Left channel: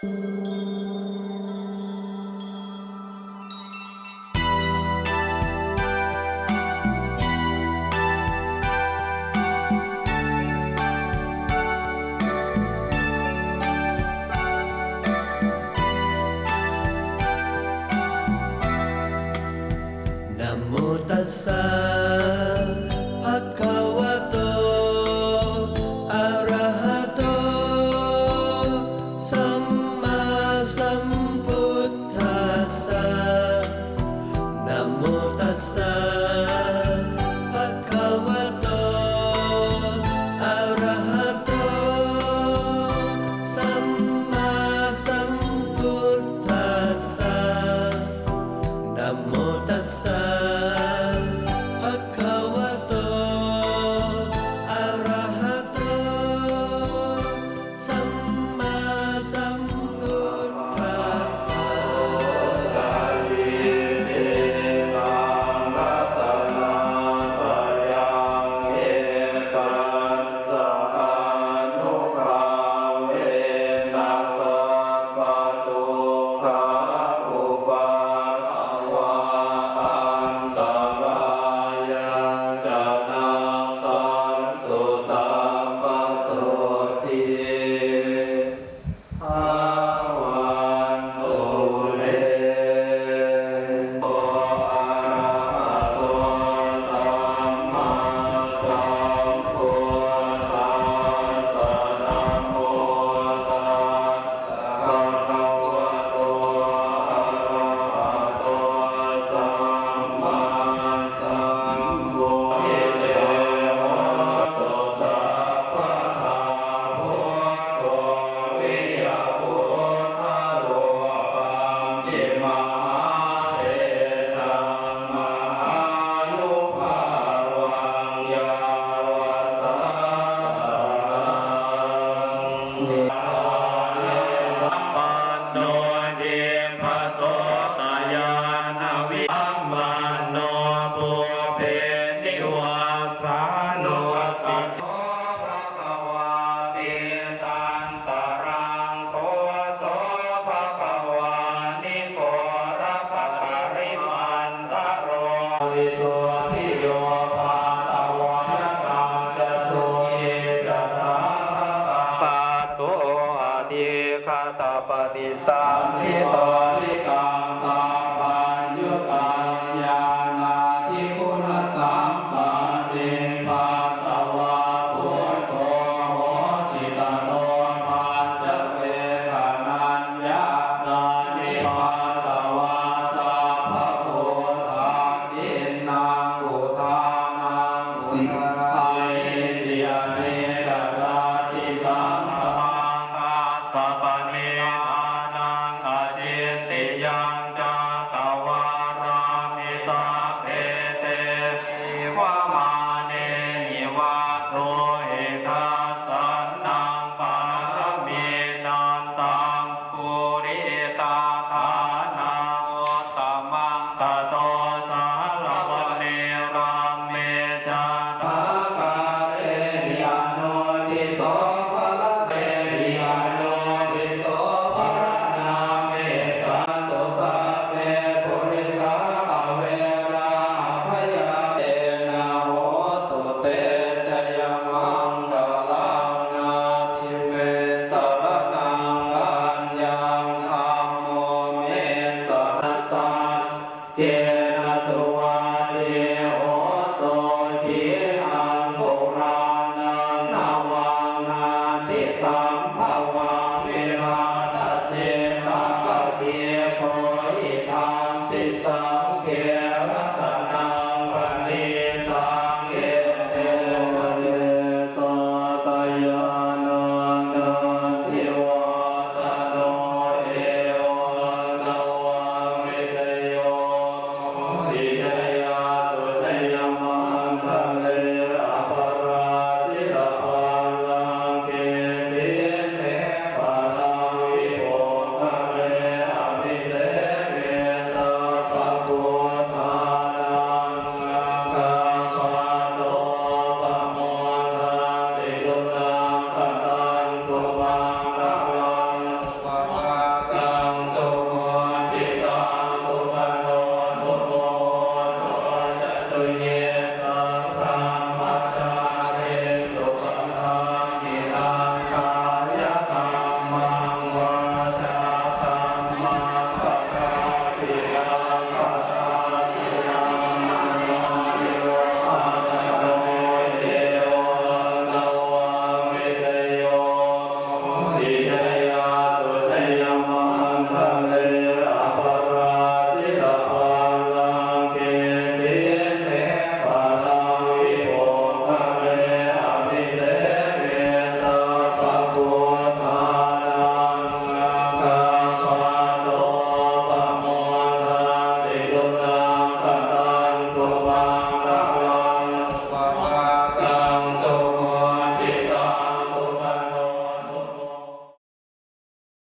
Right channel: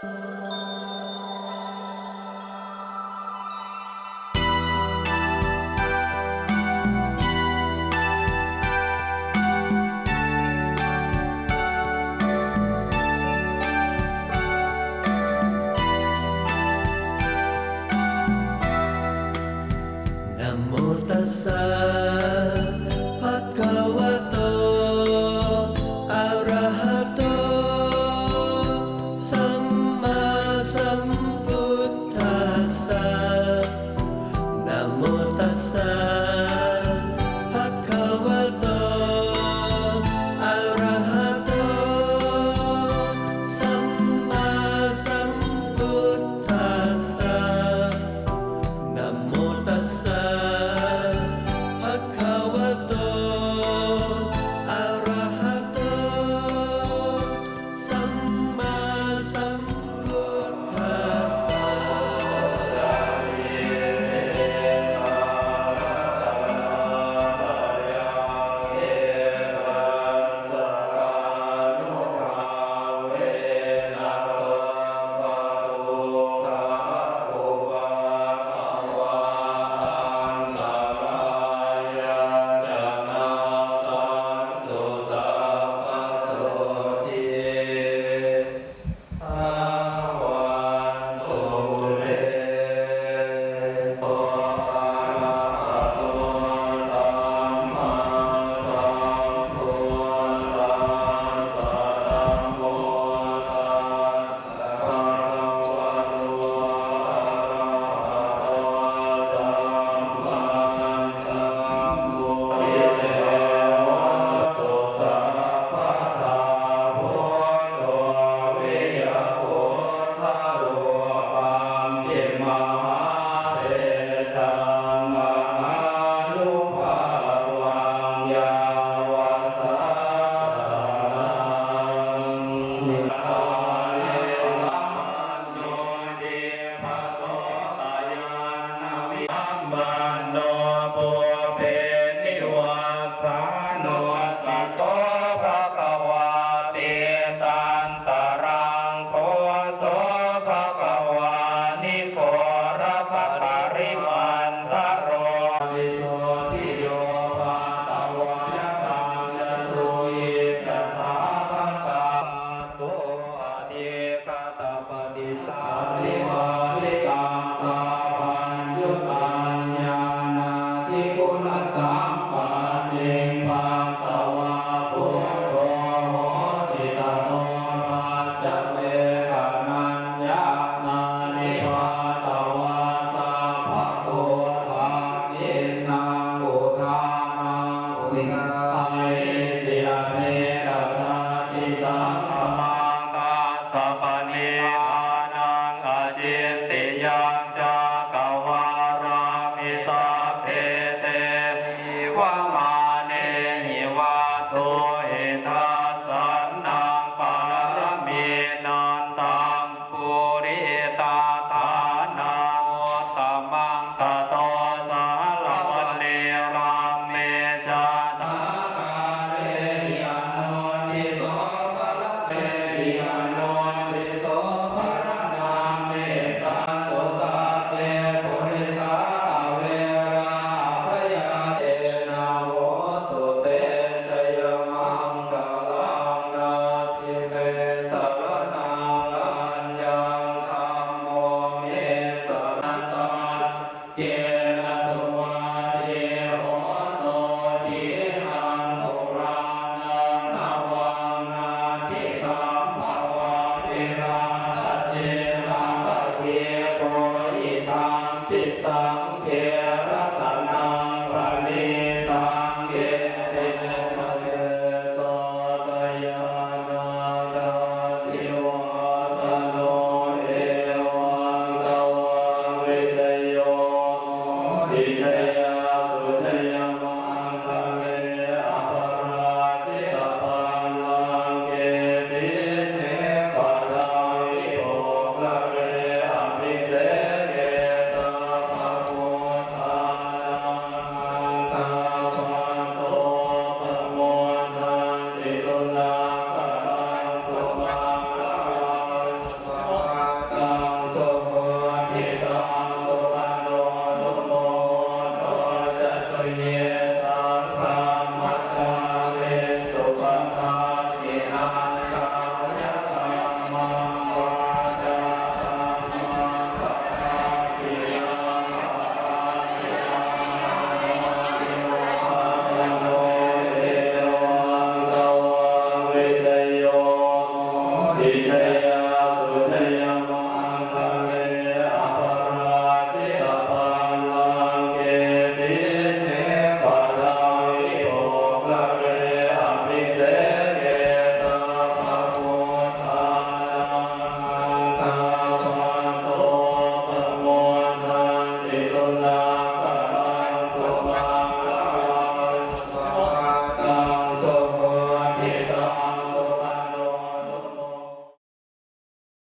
นะโมตัสสะภะคะวะโตอะระหะโตสัมมาสัมพุทธัสสะนะโมตัสสะภะคะวะโตอะระหะโตสัมมาสัมพุทธัสสะนะโมตัสสะภะคะวะโตอะระหะโตสัมมาสัมพุทธัสสะวิโสทิโยภาตวาตังจตุยิจัสสะภะคะปะโตอะทิคตปฏิสัมภิตาภิตังสัพพัญญุตัญญาณาทิคุณสัมปันติปัตตวาพุทโธโหติตโนปัจจเวคนัญญานานิปัตตวาสัพพะพุทธาทินังอุทานังสิกขัยสิยเนกัสสะทิสังสาสัพพะนิพพานังอจิตติยังจา สิจย